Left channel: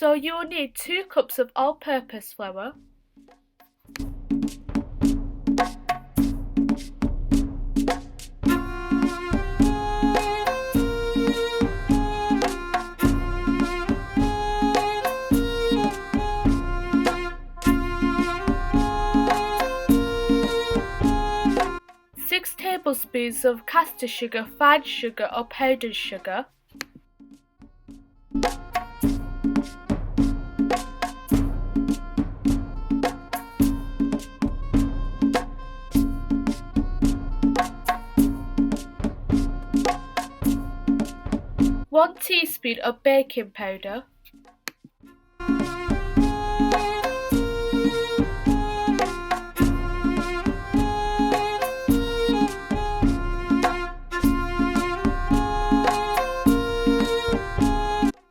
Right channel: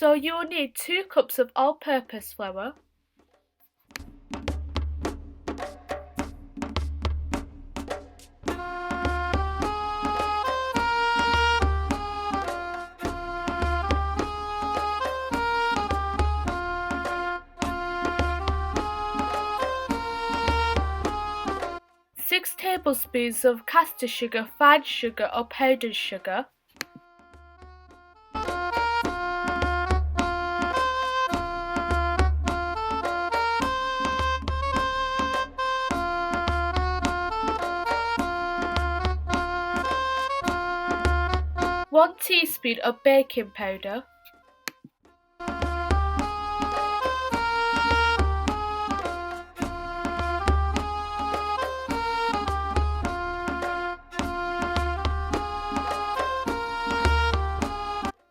So you will need 2 cups of all-purpose flour, 6 tablespoons of caster sugar, fine sugar or powdered sugar, 1 teaspoon of baking powder,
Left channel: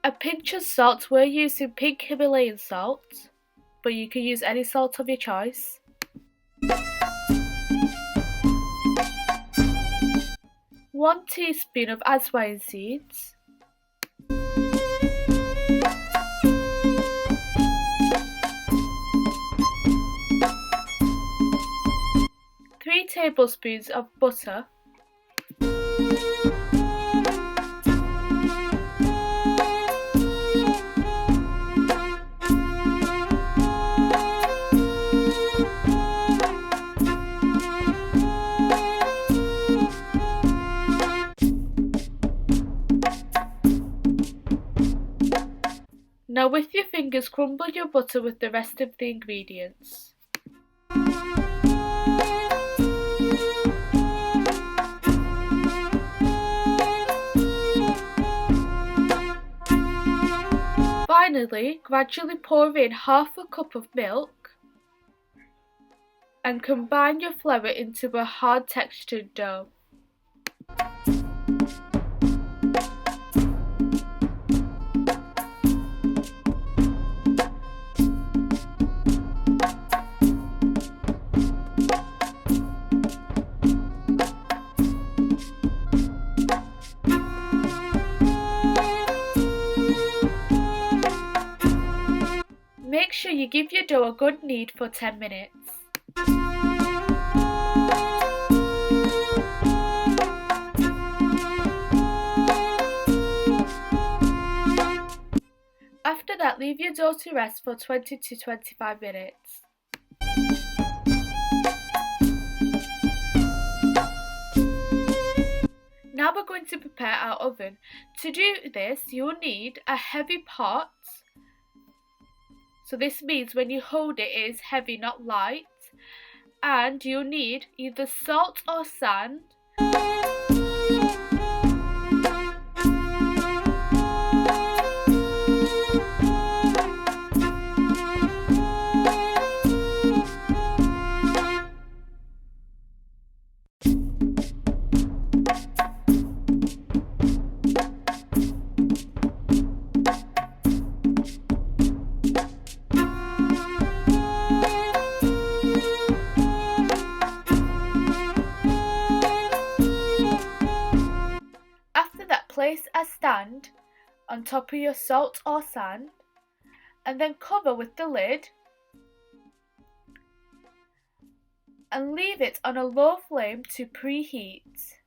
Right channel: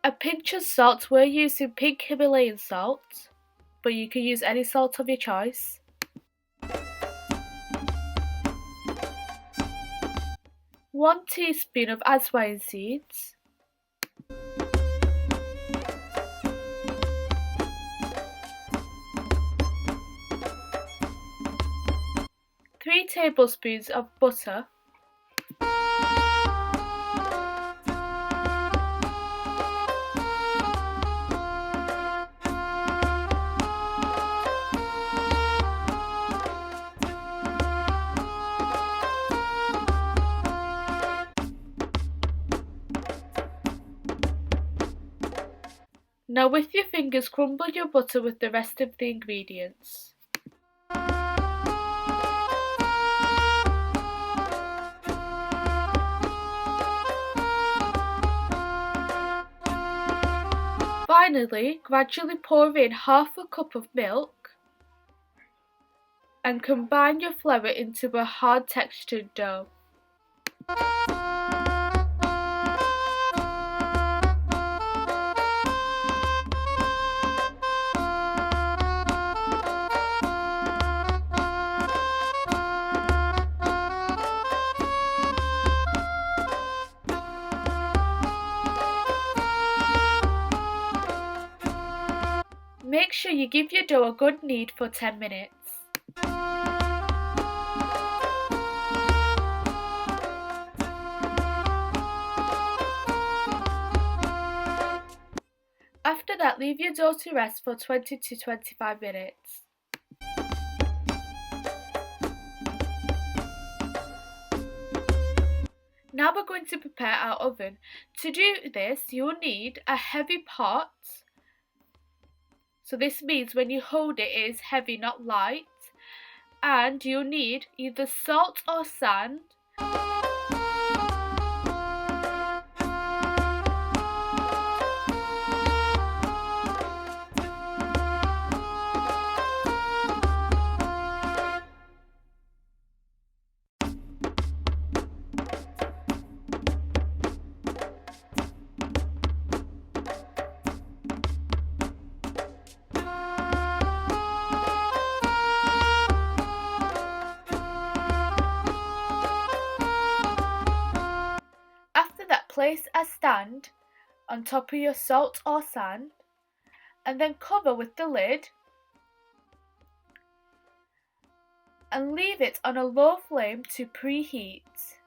1 pinch of salt. We're using pink Himalayan salt, but you can use any salt of your choice. 1 teaspoon of Ajwain seeds, 3 tablespoons of butter, 'Now with your fingers crumble your butter with the rest of the ingredients. Finally, gradually pour in half a cup of milk and combine your flour into a hard textured dough. Make sure you give your dough a good knead for 10 minutes. After that, leave your dough to rest for 20 to 25 minutes. Now we're going to prepare our oven. To do this, you'll need a heavy pot. So this means when you hold it, it is heavy, not light. And you'll need either salt or sand. Place a stand on top of your salt or sand and then cover with the lid and leave it on a low flame to preheat.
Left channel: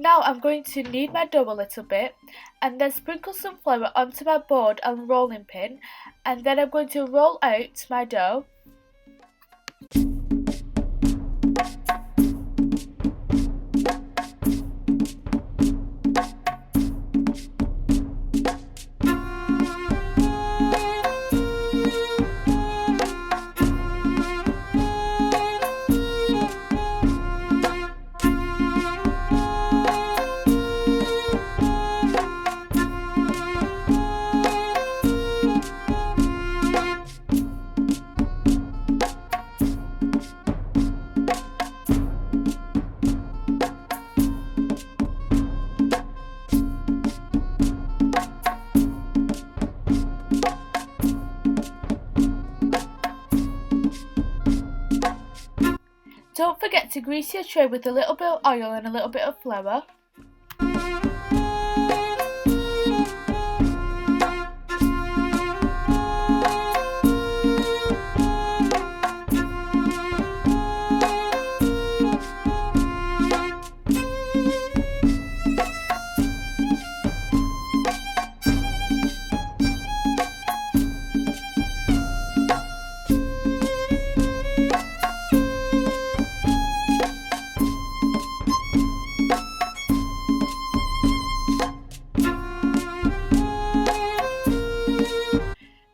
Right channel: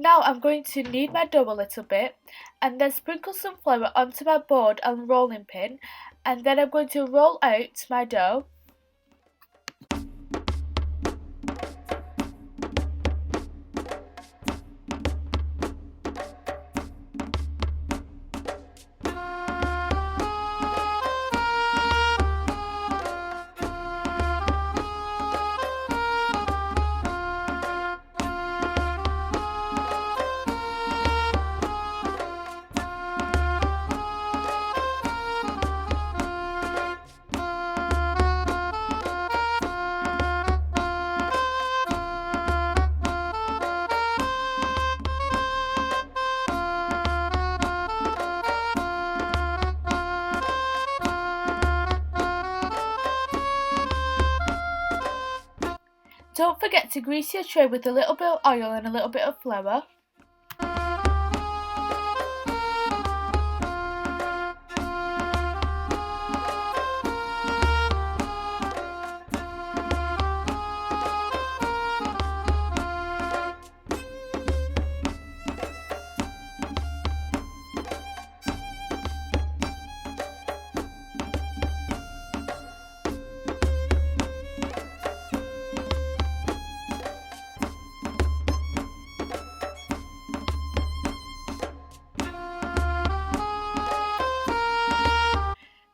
Now I'm going to knead my dough a little bit and then sprinkle some flour onto my board and rolling pin, and then I'm going to roll out my dough. Don't forget to grease your tray with a little bit of oil and a little bit of flour.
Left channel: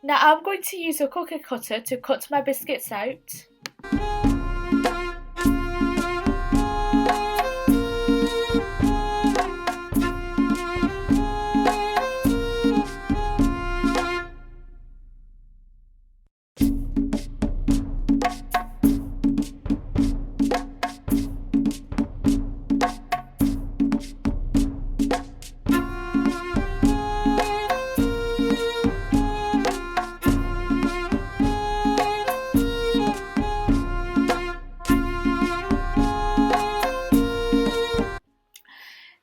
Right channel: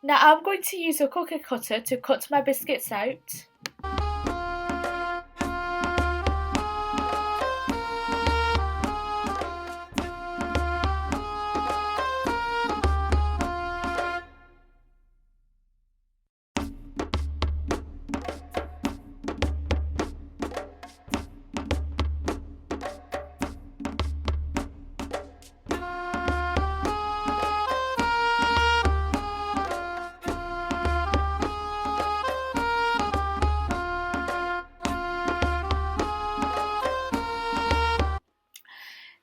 Now I'm going to use a cookie cutter to cut my biscuits out.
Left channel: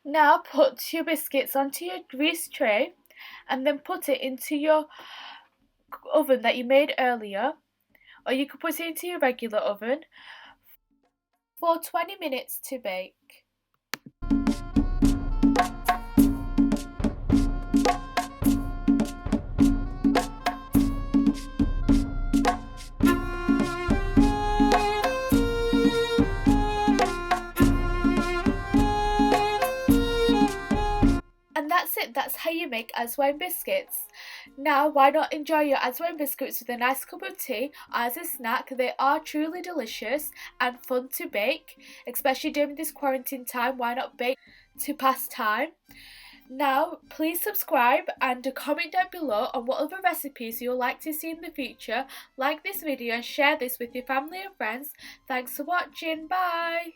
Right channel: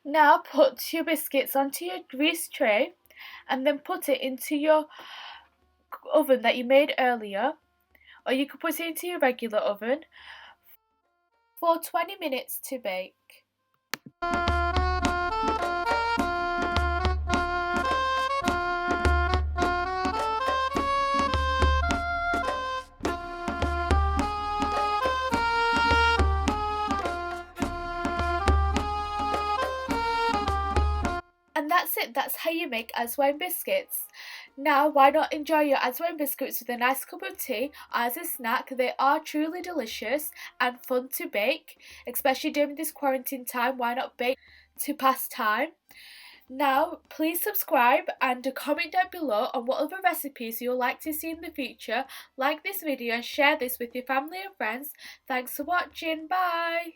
Now put your biscuits onto your greased tray and then put it into your oven that you made earlier, or you could put it into your regular oven for 20 minutes to bake. And that's it, that's how you make Ajwain biscuits. Now, why not enjoy your Ajwain biscuits with a nice cup of tea as a snack? They are truly delicious and fun to bake, especially during this quarantine time. Why not bake to pass time? Now, please subscribe and comment down below on what other recipes you would like to see in the future. Like this video and share this with your family and friends. Thanks for watching, bye!